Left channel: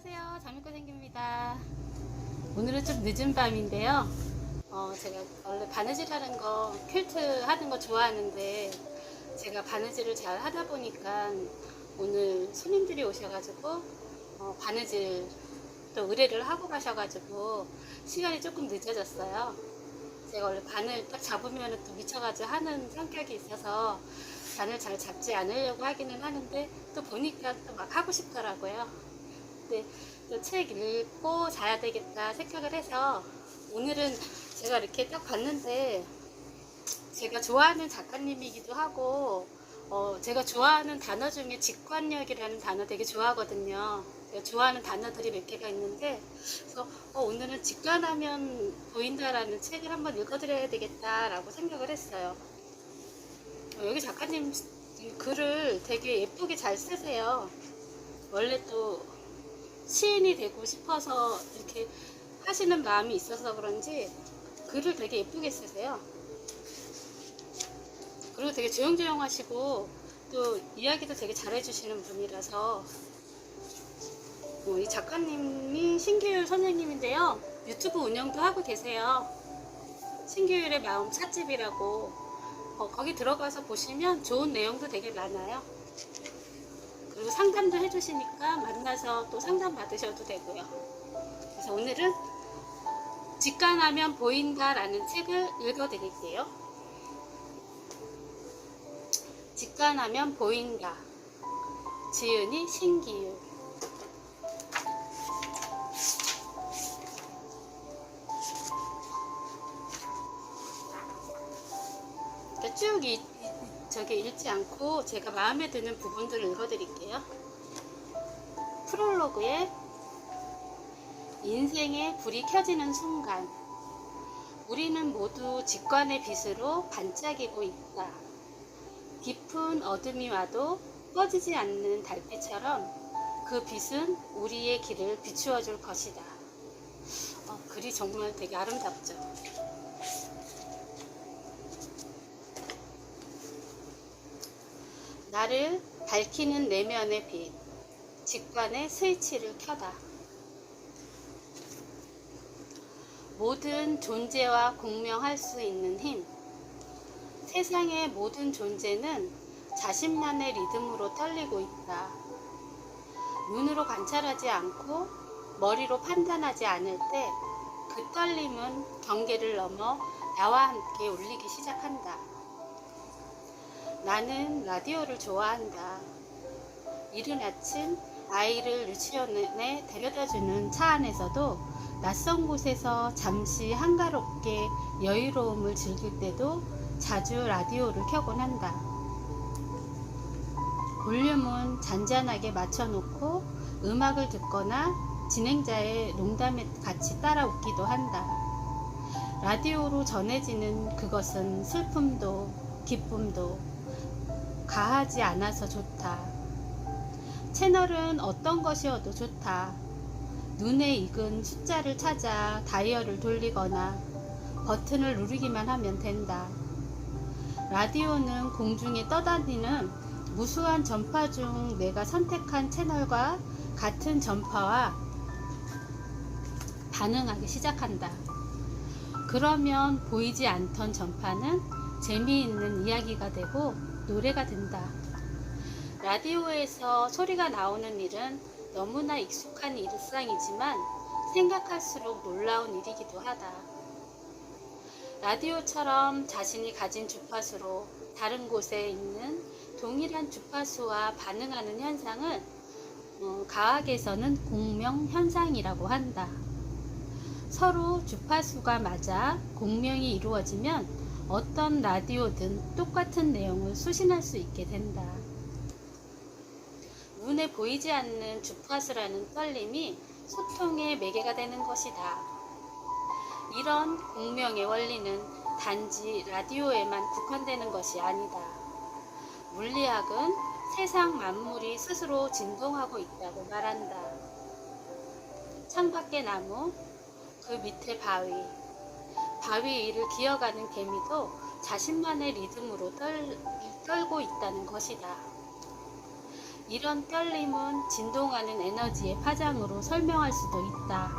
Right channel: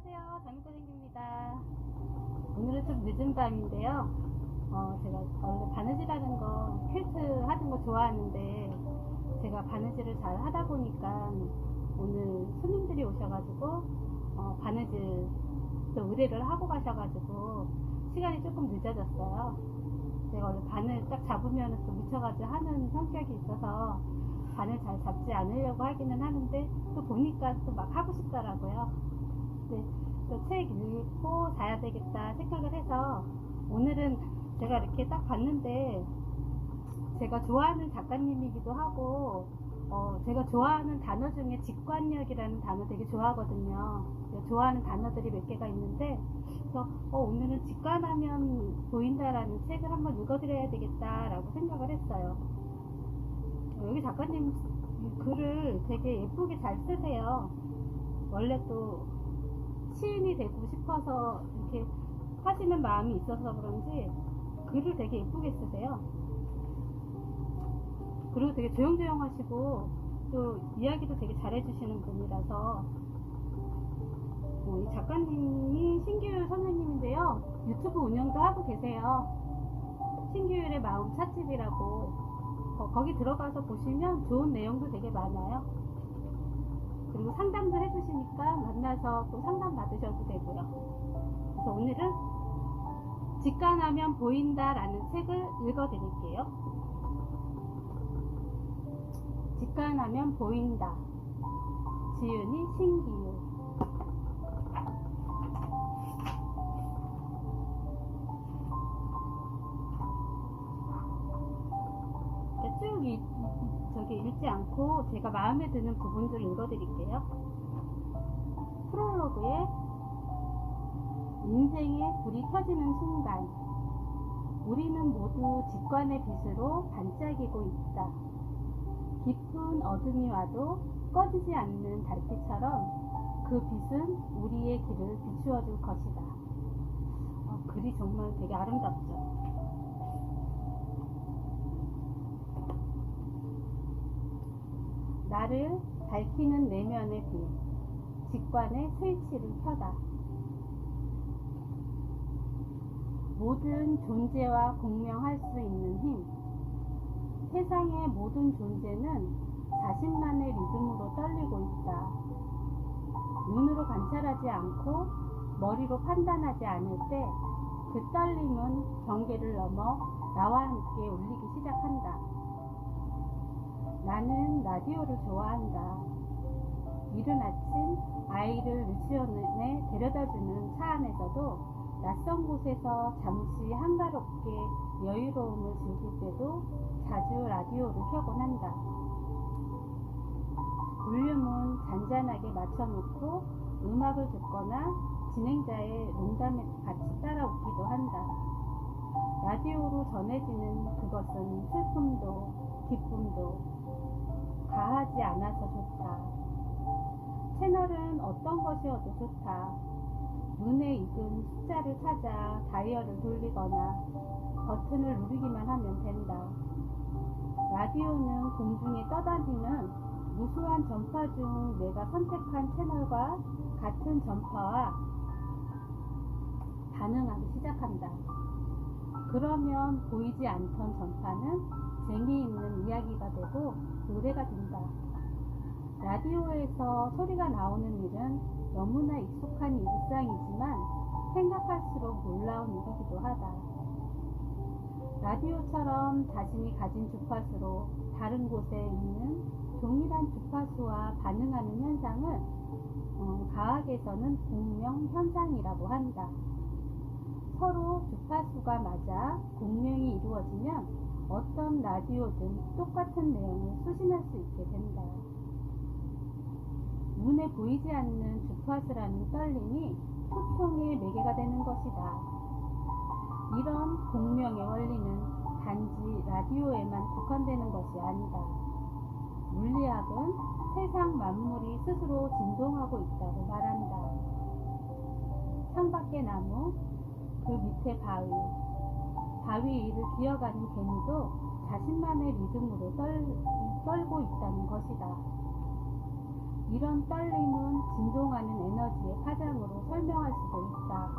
안녕하세요. 장미꽃생기입니다. 오늘은 좀 늦은 밤인데요. 어, 제가 원래 바느질 하는 거, 퀼트 하는 거 좋아하는데, 제가 바느질을 잘 하다 보니까 오늘 손님들이 오셔가지고, 어, 바느질 또 의뢰를 하고 가셔가지고, 시간이 조금 늦어졌어요. 제가 원래 바늘 딱 잡으면 또 미쳐가지고 하는 성격이 있어서, 바늘 잘 잡지 않으려고 하기는 하는데, 또 보니까 또 막 하고 싶더라고요. 네, 책 읽고 자야 되겠다 생각을 해서 오늘은 제가 이렇게 딱 봤는데 제가 좋아하는 작가님이기도 하고 어, 제가 좋아하는 단어 중에 직관력이라는 단어 되게 좋아하거든요. 제가 좋아하는 단어들이 몇 개가 있는데 그래서 어, 오늘은 직관하면 보인다라는 책을 한번 읽어드려야 되겠다라고 생각을 했어요. 어, 여기 작가님 글을 되게 예쁘게 잘 쓰세요. 원래 또 시인이 되고 싶어서 이렇게 하시는 마음이 있어서 그런지 글을 되게 예쁘게 쓰세요. 그리고 되게 조용조용 하시고 또 이야기도 되게 잘해주시는 분이라서 어, 이 작가님이 신규율 선생님인데요. 유튜브 운영도 하고 계세요. 신규율의 마음 찻집이라고 어, 거기 들어가서 보시면 좋은 내용도 되게 많아요. 그리고 상담도 해주시니까 만나서 또 상담 받으셔도 되고요. 그래서 오늘은 직관하면 보인다라는 책을 읽어드릴게요. 직관하면 보인다. 지은이 신기유. 그러니까 쭉 이, 이- 저기 읽지 않고 제가 마음에 드는 부분들을 읽어드릴게요. 프롤로그에 인생의 불이 켜지는 순간 우리는 모두 직관의 빛으로 반짝이고 있다. 깊은 어둠이 와도 꺼지지 않는 달빛처럼 그 빛은 우리의 길을 비추어 줄 것이다. 어, 글이 정말 되게 아름답죠. 나를 밝히는 내면의 빛, 직관의 스위치를 켜다. 모든 존재와 공명할 수 있는 힘. 세상의 모든 존재는 자신만의 리듬으로 떨리고 있다. 눈으로 관찰하지 않고 머리로 판단하지 않을 때 그 떨림은 경계를 넘어 나와 함께 울리기 시작한다. 나는 라디오를 좋아한다. 이른 아침 아이를 유치원에 데려다주는 차 안에서도 낯선 곳에서 잠시 한가롭게 여유로움을 즐길 때도 자주 라디오를 켜곤 한다. 볼륨은 잔잔하게 맞춰놓고 음악을 듣거나 진행자의 농담에 같이 따라 웃기도 한다. 라디오로 전해지는 그것은 슬픔도 기쁨도 가하지 않아서 좋다. 채널은 어떤 것이어도 좋다. 눈에 익은 숫자를 찾아 다이얼을 돌리거나 버튼을 누르기만 하면 된다. 라디오는 공중에 떠다니는 무수한 전파 중 내가 선택한 채널과 같은 전파와 반응하기 시작한다. 그러면 보이지 않던 전파는 재미있는 이야기가 되고 노래가 된다. 라디오에서 소리가 나오는 일은 너무나 익숙한 일상이지만 생각할수록 놀라운 일이기도 하다. 라디오처럼 자신이 가진 주파수로 다른 곳에 있는 동일한 주파수와 반응하는 현상을 어, 과학에서는 공명 현상이라고 한다. 서로 주파수가 맞아 공명이 이루어지면 어떤 라디오든 똑같은 내용을 수신할 수 있게 된다. 눈에 보이지 않는 주파수라는 떨림이 소통의 매개가 되는 것이다. 이런 공명의 원리는 단지 라디오에만 국한되는 것이 아니다. 물리학은 세상 만물이 스스로 진동하고 있다고 말한다. 창밖의 나무, 그 밑에 바위, 바위 위를 기어가는 개미도 자신만의 리듬으로 떨, 떨고 있다는 것이다. 이런 떨림은 진동하는 에너지의 파장으로 설명할 수도 있다.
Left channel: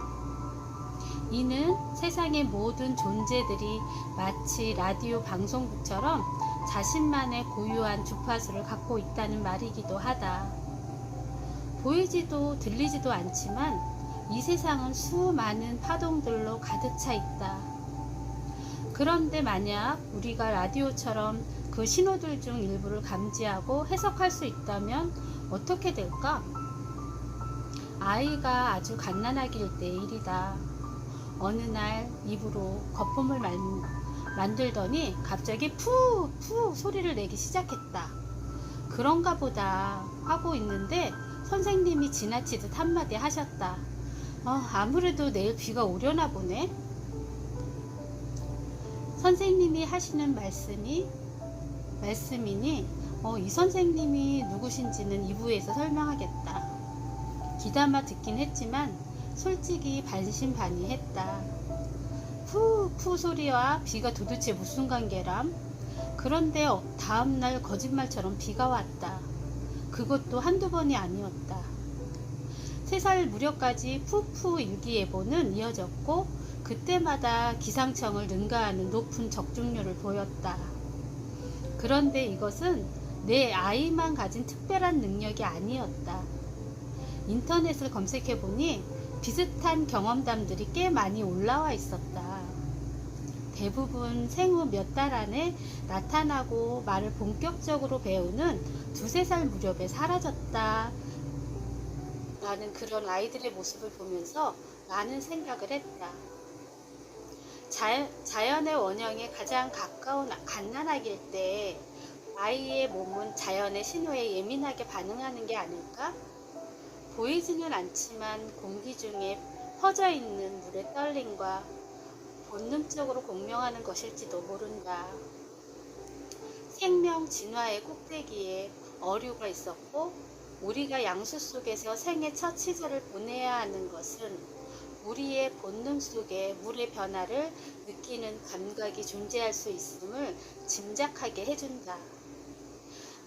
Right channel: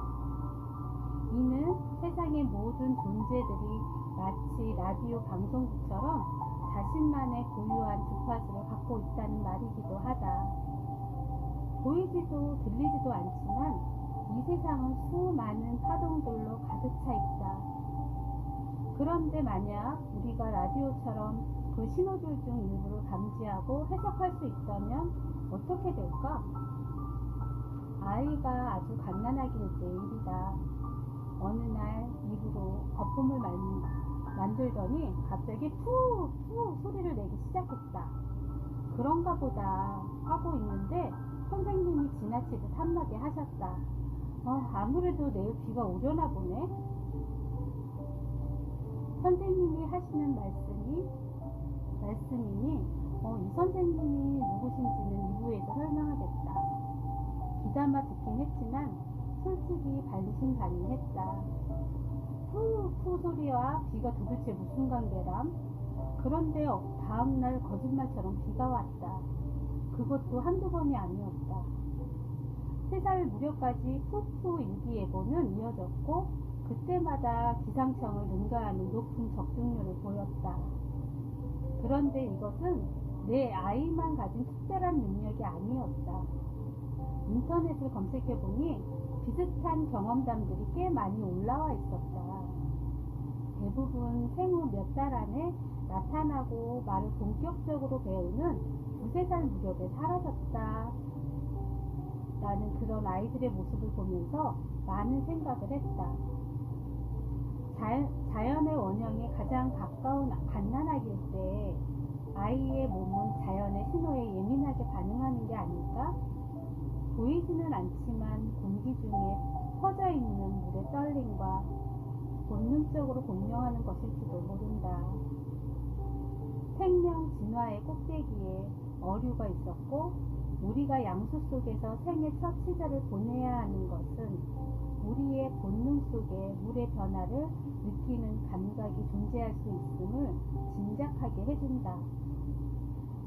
이는 세상의 모든 존재들이 마치 라디오 방송국처럼 자신만의 고유한 주파수를 갖고 있다는 말이기도 하다. 보이지도 들리지도 않지만 이 세상은 수많은 파동들로 가득 차 있다. 그런데 만약 우리가 라디오처럼 그 신호들 중 일부를 감지하고 해석할 수 있다면 어떻게 될까? 아이가 아주 갓난아기일 때의 일이다. 어느 날 입으로 거품을 만, 만들더니 갑자기 푸, 푸 소리를 내기 시작했다. 그런가 보다 하고 있는데 선생님이 지나치듯 한마디 하셨다. 어, 아무래도 내일 비가 오려나 보네. 선생님이 하시는 말씀이 말씀이니 어, 이 선생님이 누구신지는 2부에서 설명하겠다. 귀담아 듣긴 했지만 솔직히 반신반의했다. 푸푸 소리와 비가 도대체 무슨 관계람? 그런데 어, 다음날 거짓말처럼 비가 왔다. 그것도 한두 번이 아니었다. 세 살 무렵까지 푸푸 일기예보는 이어졌고 그때마다 기상청을 능가하는 높은 적중률을 보였다. 그런데 이것은 내 아이만 가진 특별한 능력이 아니었다. 인터넷을 검색해 보니 비슷한 경험담들이 꽤 많이 올라와 있었다. 대부분 생후 몇 달 안에 나타나고 말을 본격적으로 배우는 두세 살 무렵에 사라졌다. 라는 그런 아이들의 모습을 보면서 많은 생각을 했다. 자연, 의 원형에 가장 가까운 갓난아기일 때 아이의 몸은 자연의 신호에 예민하게 반응하는 게 아닐까? 보이지는 않지만 공기 중에 퍼져 있는 물의 떨림과 본능적으로 공명하는 것일지도 모른다. 생명 진화의 꼭대기에 어류가 있었고 우리가 양수 속에서 생의 첫 시절을 보내야 하는 것은 우리의 본능 속에 물의 변화를 느끼는 감각이 존재할 수 있음을 짐작하게 해준다.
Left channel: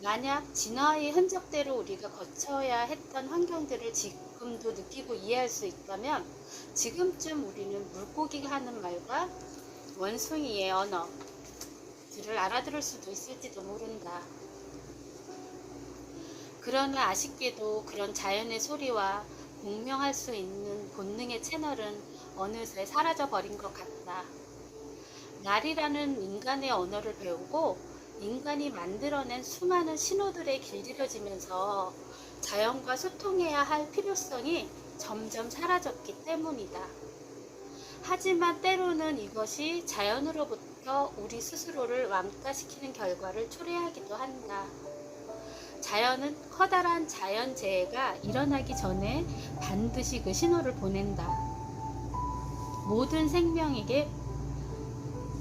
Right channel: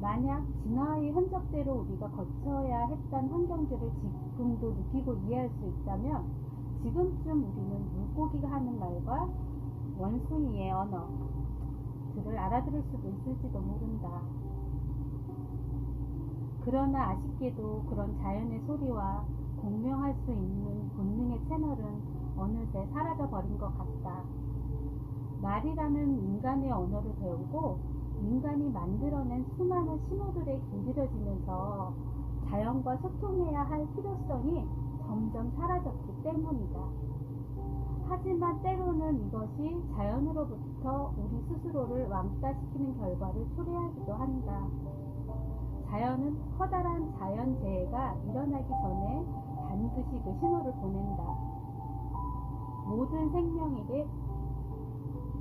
만약 진화의 흔적대로 우리가 거쳐야 했던 환경들을 지금도 느끼고 이해할 수 있다면 지금쯤 우리는 물고기가 하는 말과 원숭이의 언어들을 알아들을 수도 있을지도 모른다. 그러나 아쉽게도 그런 자연의 소리와 공명할 수 있는 본능의 채널은 어느새 사라져 버린 것 같다. 날이라는 인간의 언어를 배우고 인간이 만들어낸 수많은 신호들에 길들여지면서 자연과 소통해야 할 필요성이 점점 사라졌기 때문이다. 하지만 때로는 이것이 자연으로부터 우리 스스로를 왕따시키는 결과를 초래하기도 한다. 자연은 커다란 자연재해가 일어나기 전에 반드시 그 신호를 보낸다. 모든 생명에게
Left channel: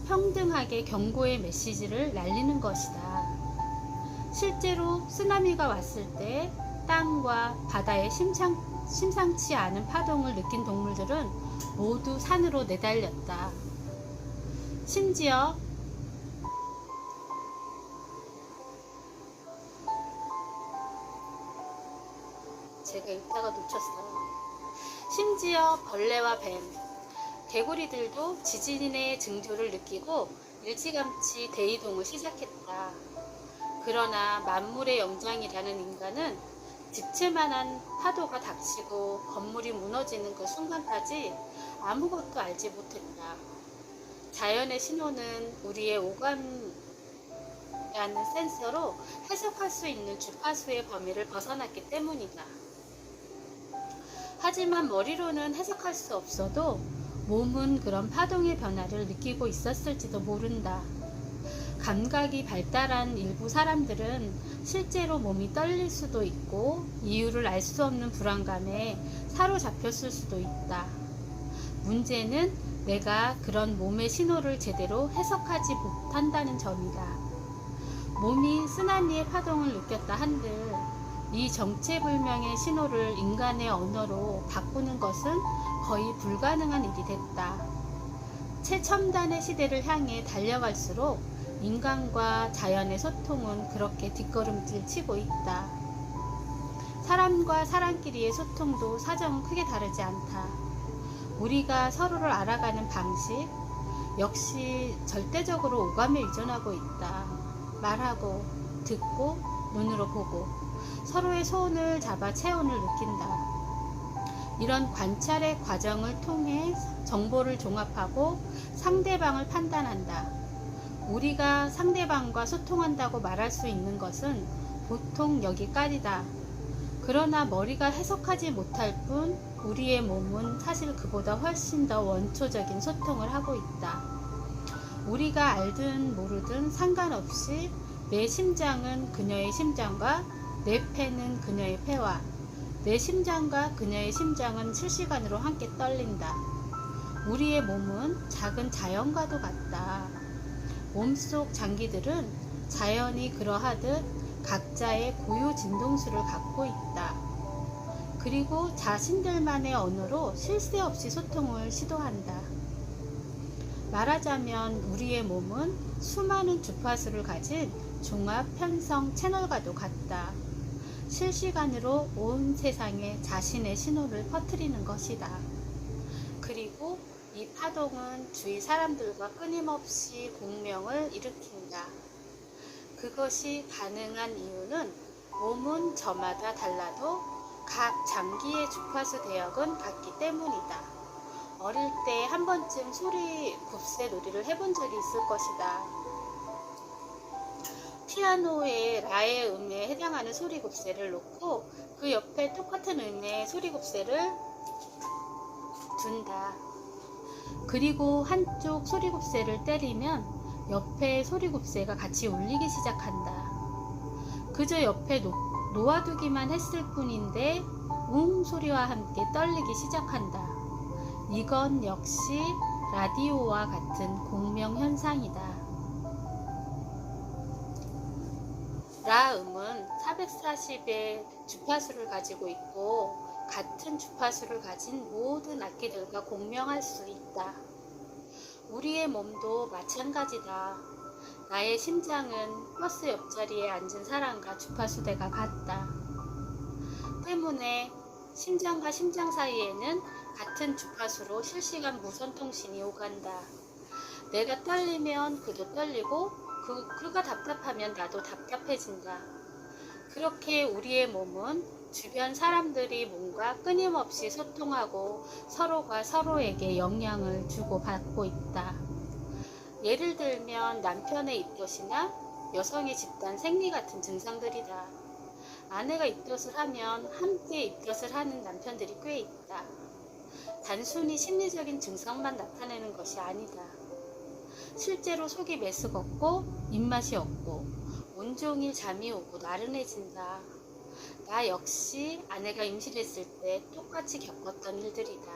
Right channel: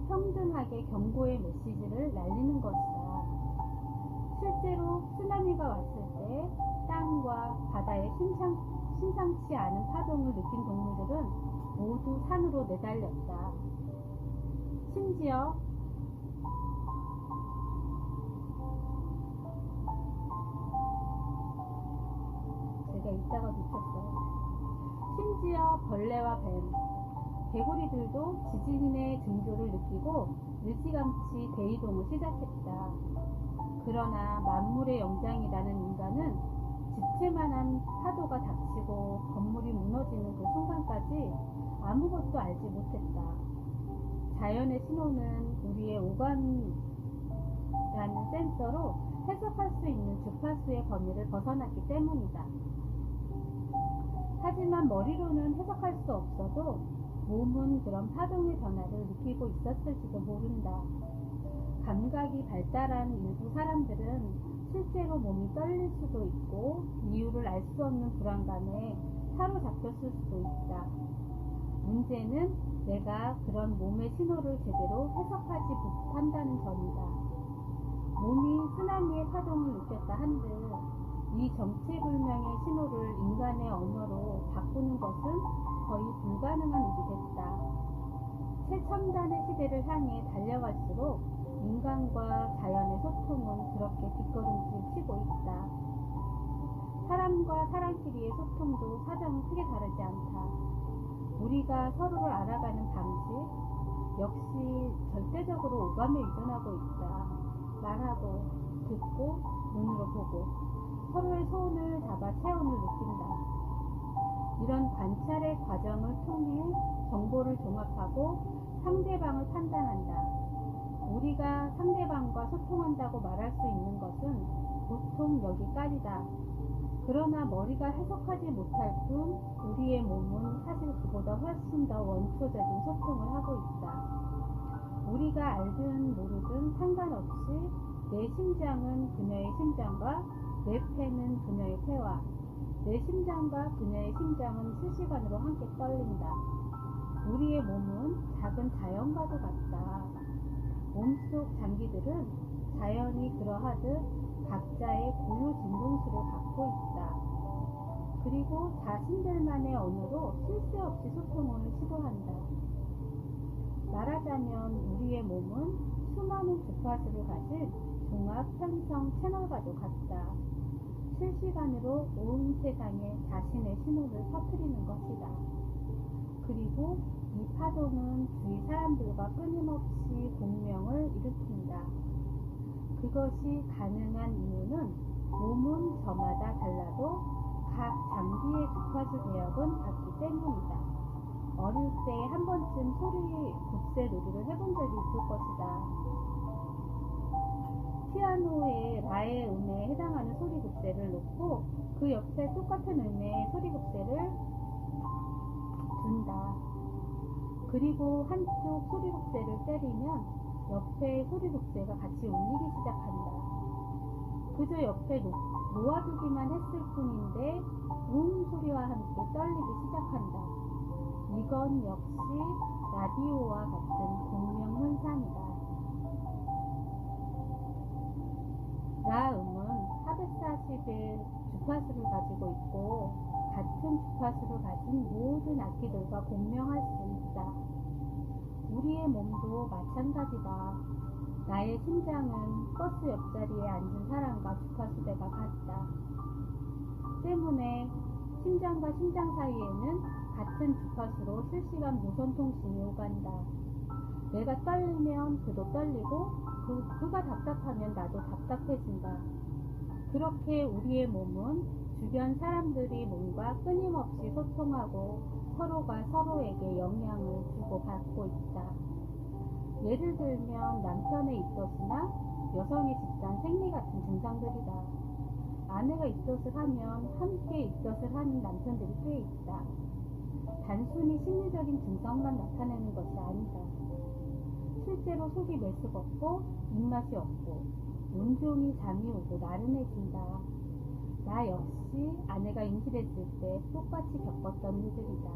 평등하게 경고의 메시지를 날리는 것이다. 실제로 쓰나미가 왔을 때 땅과 바다의 심상, 심상치 않은 파동을 느낀 동물들은 모두 산으로 내달렸다. 심지어 제가 읽다가 놓쳤어요. 심지어 벌레와 뱀, 개구리들도 지진의 증조를 느끼고 일찌감치 대이동을 시작했다. 그러나 만물의 영장이라는 인간은 집채만한 파도가 닥치고 건물이 무너지는 그 순간까지 아무것도 알지 못했다. 자연의 신호는 우리의 오감이라는 센서로 해석할 수 있는 주파수의 범위를 벗어났기 때문이다. 하지만 머리로는 해석할 수 없어도 몸은 그런 파동의 변화를 느끼고 있었을지도 모른다. 감각이 발달한 일부 사람들은 실제로 몸이 떨릴 수도 있고 이유를 알 수 없는 불안감에 사로잡혔을 수도 있다. 문제는 내가 그런 몸의 신호를 제대로 해석하지 못한다는 점이다. 몸이 쓰나미의 파동을 느꼈다 한들 이 정체불명의 신호를 인간의 언어로 바꾸는 것은 거의 불가능한 일이 됐다. 최첨단의 시대를 향해 달려갈수록 인간과 자연의 소통은 그렇게 뒷걸음질 치고 있다. 사람과 사람끼리의 소통도 사정은 크게 다르지 않다. 우리가 서로를 알아가는 방식 역시 절대적으로 오감에 의존하고 있다. 말하고 듣고 눈으로 보고 서로의 소원을 잡아 체온을 느낀다. 이런 관찰의 과정을 통해 정보를 종합하고 상대방을 판단한다. 우리가 상대방과 소통한다고 말할 수 있는 것은 보통 여기까지다. 그러나 머리가 해석하지 못할 뿐 우리의 몸은 사실 그보다 훨씬 더 원초적인 소통을 하고 있다. 우리가 알든 모르든 상관없이 내 심장은 그녀의 심장과 내 폐는 그녀의 폐와 내 심장과 그녀의 심장은 실시간으로 함께 떨린다. 우리의 몸은 작은 자연과도 같다. 몸속 장기들은 자연이 그러하듯 각자의 고유 진동수를 갖고 있다. 그리고 자신들만의 언어로 쉴새 없이 소통을 시도한다. 말하자면 우리의 몸은 수많은 주파수를 가진 종합 편성 채널과도 같다. 실시간으로 온 세상에 자신의 신호를 퍼뜨리는 것이다. 그리고 이 파동은 주위 사람들과 끊임없이 공명을 일으킨다. 그것이 가능한 이유는 몸은 저마다 달라도 각 장기의 주파수 대역은 같기 때문이다. 어릴 때 한 번쯤 소리 굽새 놀이를 해본 적이 있을 것이다. 피아노의 라의 음에 해당하는 소리 굽새를 놓고 그 옆에 똑같은 음의 소리 굽새를 둔다. 그리고 한쪽 소리 굽새를 때리면 옆에 소리 굽새가 같이 울리기 시작한다. 그저 옆에 놓, 놓아두기만 했을 뿐인데 웅 소리와 함께 떨리기 시작한다. 이건 역시 라디오와 같은 공명 현상이다. 라음은 440의 주파수를 가지고 있고 같은 주파수를 가진 모든 악기들과 공명할 수 있다. 우리의 몸도 마찬가지다. 나의 심장은 버스 옆자리에 앉은 사람과 주파수대가 같다. 때문에 심장과 심장 사이에는 같은 주파수로 실시간 무선 통신이 오간다. 내가 떨리면 그도 떨리고 그, 그가 답답하면 나도 답답해진다. 그렇게 우리의 몸은 주변 사람들이 뭔가 끊임없이 소통하고 서로가 서로에게 영향을 주고 받고 있다. 예를 들면 남편의 입덧이나 여성의 집단 생리 같은 증상들이다. 아내가 입덧을 하면 함께 입덧을 하는 남편들이 꽤 있다. 단순히 심리적인 증상만 나타내는 것이 아니다. 실제로 속이 메스껍고 입맛이 없고 온종일 잠이 오고 나른해진다. 나 역시 아내가 임신했을 때 똑같이 겪었던 일들이다.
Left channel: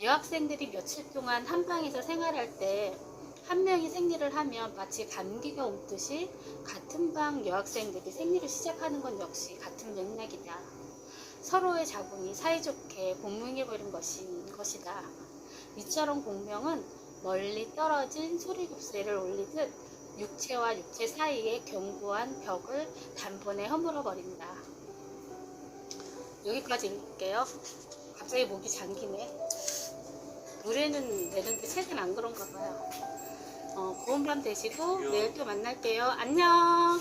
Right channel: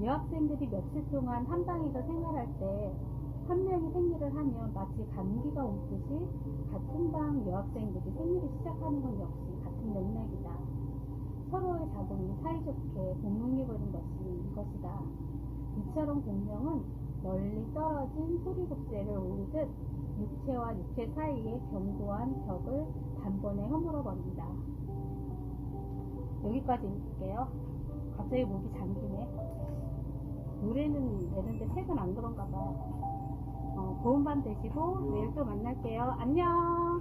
여학생들이 며칠 동안 한 방에서 생활할 때 한 명이 생리를 하면 마치 감기가 옮듯이 같은 방 여학생들이 생리를 시작하는 건 역시 같은 맥락이다. 서로의 자궁이 사이좋게 공명해버린 것인 것이다. 이처럼 공명은 멀리 떨어진 소리굽새를 올리듯 육체와 육체 사이의 견고한 벽을 단번에 허물어 버린다. 여기까지 읽을게요. 갑자기 목이 잠기네. 노래는 내는데 최근 안 그런가 봐요. 어, 고운 밤 되시고 내일 또 만날게요. 안녕.